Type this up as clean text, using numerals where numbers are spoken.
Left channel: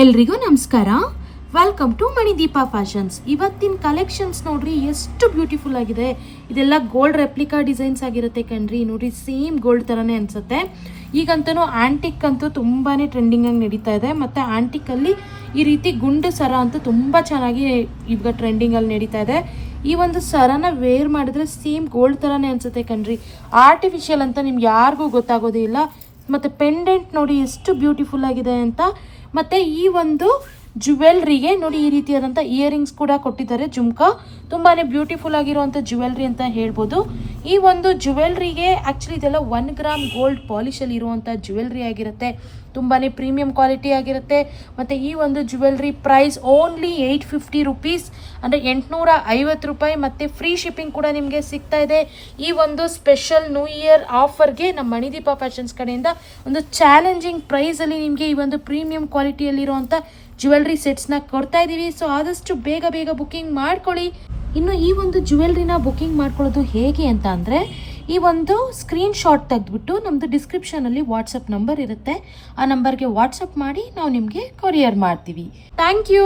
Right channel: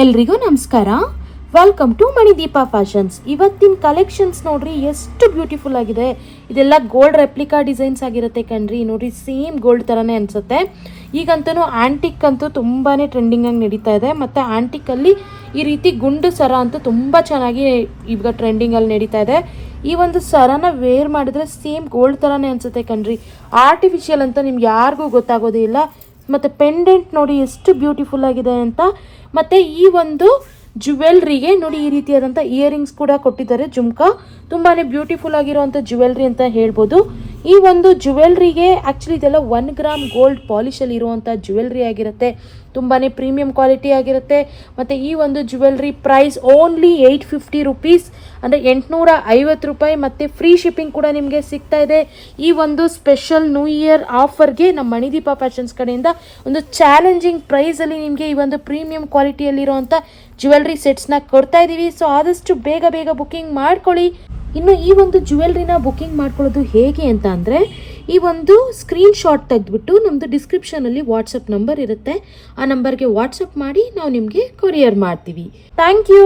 ಎಲ್ರಿಗೂ ನಮಸ್ಕಾರ. Welcome to Manideepa fashions. ಇವತ್ತಿನ ಕಲೆಕ್ಷನ್ಸ್ ನೋಡ್ರಿ ಎಷ್ಟು ಬ್ಯೂಟಿಫುಲ್ ಆಗಿದೆ. ಇದೆಲ್ಲ ಗೋಲ್ಡ್ ರೆಪ್ಲಿಕಾ ಡಿಸೈನ್ಸ್ ಆಗಿರುತ್ತೆ ಕಣ್ರಿ. ನೋಡ್ರಿ ಸೇಮ್ ಗೋಲ್ಡ್ ಥರನೇ ಅನಿಸುತ್ತೆ. ಈಗಂತೂ ಆ್ಯಂಟಿಕ್ ಅಂತೂ ತುಂಬಾ ಟ್ರೆಂಡಿಂಗ್ ಆಗಿ ನಡೀತಾ ಇದೆ. ಮತ್ತು ಆ್ಯಂಟಿಕಲ್ಲಿ ಈ ರೀತಿ ಗುಂಡು ಸರ ಅಂತೂ ತುಂಬ ಚೆನ್ನಾಗಿ ಈಗ ಟ್ರೆಂಡಿಂಗಲ್ಲಿ ನಡೀತಾ ಇದೆ. ಈ ಒಂದು ಸರನ ವೇರ್ ಮಾಡಿದ್ರೆ ಸೇಮ್ ಗೋಲ್ಡ್ ಥರನೇ ಅನಿಸುತ್ತೆ ಕಣ್ರಿ. ಆರ್ಟಿಫಿಷಿಯಲ್ ಅಂತ ನಿಮ್ಗೆ ಯಾರಿಗೂ ಗೊತ್ತಾಗೋದೇ ಇಲ್ಲ. ಮತ್ತು ಪೆಂಡೆಂಟ್ ನೋಡಿ ಎಷ್ಟು ಬ್ಯೂಟಿಫುಲ್ ಆಗಿದೆ ಅಂತ. ಮತ್ತು ಈ ಒಂದು ಜ್ಯುವೆಲ್ರಿಗೆ ನೋಡಿ ಈ ರೀತಿಯಾದಂಥ ಇಯರಿಂಗ್ಸ್ ಕೂಡ ಕೊಟ್ಟಿದ್ದಾರೆ. ಜುಮ್ಕಾ ತುಂಬಾ ಬ್ಯೂಟಿಫುಲ್ ಆಗಿರೋವಂಥ ಜ್ಯುವೆಲ್ರಿ ಅಂತ ಹೇಳ್ಬೋದು. ಈ ಒಂದು ಜ್ಯುವೆಲ್ರಿಗೆ ಆ್ಯಕ್ಚುಲಿ ಇದೆಲ್ಲ 1 ಗ್ರಾಮ್ ಗೋಲ್ಡ್ ಪಾಲಿಶಲ್ಲಿ ಇರುವಂಥ ಜ್ಯುವೆಲ್ರಿ ಆಗಿರುತ್ತೆ. ತುಂಬಾ ಪ್ರೀಮಿಯಂ ಕ್ವಾಲಿಟಿ ಆಗಿರುತ್ತೆ. ಮತ್ತು ಈ ಒಂದು ಜ್ಯುವೆಲ್ರಿ ಪ್ರೈಸ್ ಓನ್ಲಿ 850 ರುಪೀಸ್, ಅಂದರೆ 850 ರೂಪಾಯಿ. ಮತ್ತು ಫ್ರೀ ಶಿಪ್ಪಿಂಗ್ ಕೂಡ ನಿಮಗೆ ಸಿಗ್ತಾ ಇದೆ. ಈ ಒಂದು ಸ್ಪೆಷಲ್ ನ್ಯೂ ಇಯರ್ ಆಫರ್ಗೆ ನಮ್ಮ ಮಣಿದೀಪ ಫ್ಯಾಷನ್ಸ್ ಕಡೆಯಿಂದ ಒಂದು ಚಾಲೆಂಜಿಂಗ್ ಪ್ರೈಸಲ್ಲಿ ನಿಮಗೆ ಈ ಒಂದು ಪ್ರೀಮಿಯಂ ಕ್ವಾಲಿಟಿಯಲ್ಲಿರುವಂಥ ಜ್ಯುವೆಲ್ರಿ ಸೆಟ್ಸ್ನ ಕೊಡ್ತಾ ಇದ್ದೀವಿ. ಸೊ ಆದಷ್ಟು ಬೇಗ ಬುಕ್ಕಿಂಗ್ ಮಾಡ್ಕೊಳ್ಳಿ. ಇನ್ನು ಈ ಒಂದು ಜ್ಯುವೆಲ್ರಿನ ಬುಕ್ಕಿಂಗ್ ಮಾಡ್ಕೊಳ್ಳೋದು ಹೇಗೆ ಅಂತ ಅಂದರೆ, ಈ ಒಂದು ಸ್ಕ್ರೀನ್ ಶಾಟ್ ತೆಗೆದುಬಿಟ್ಟು ನಮ್ಮದು ಡಿಸ್ಕ್ರಿಪ್ಷನಲ್ಲಿ ವಾಟ್ಸಪ್ ನಂಬರ್ ಇರುತ್ತೆ. ಆ ನಂಬರ್ಗೆ ವಾಟ್ಸಪ್ ಮಾಡಿ ನಾವು ನಿಮಗೆ ಕೊರಿಯರ್ ಮಾಡ್ತೀವಿ. Thank you.